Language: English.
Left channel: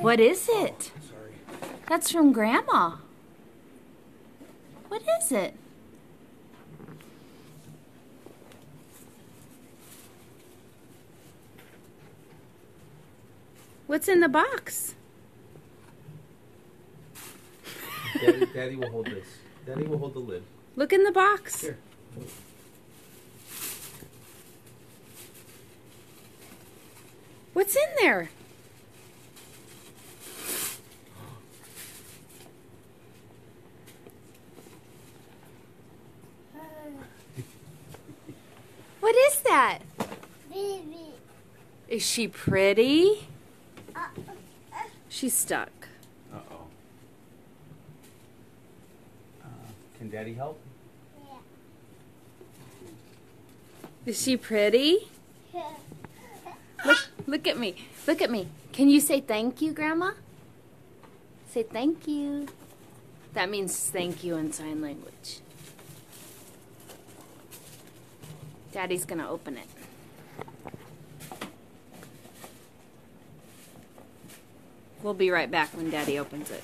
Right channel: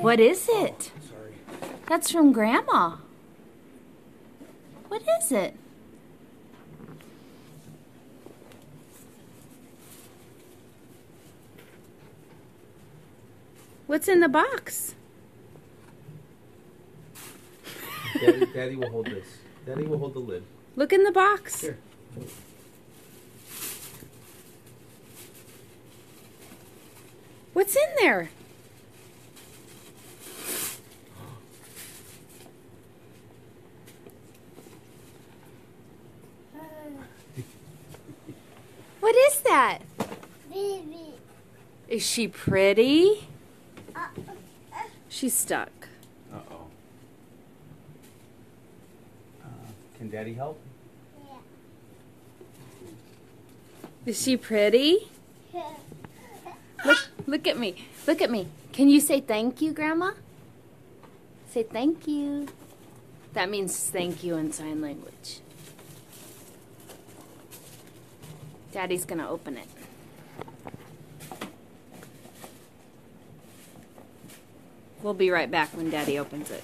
What is it? Sorry. That's from Grandma. What is it? What's in the box? Daddy will hold this. Daddy will hold the lid. Look in the box. Here. What's in there? What is that? Baby. Is she pretty? She's stuck. Uh-oh. Can Daddy help? Yeah. Is she pretty? Look at me. Look at me. Can you say thank you, Grandma? Say thank you. That means thank you in sign language. Daddy's going to open it. We'll be right back when Daddy opens it.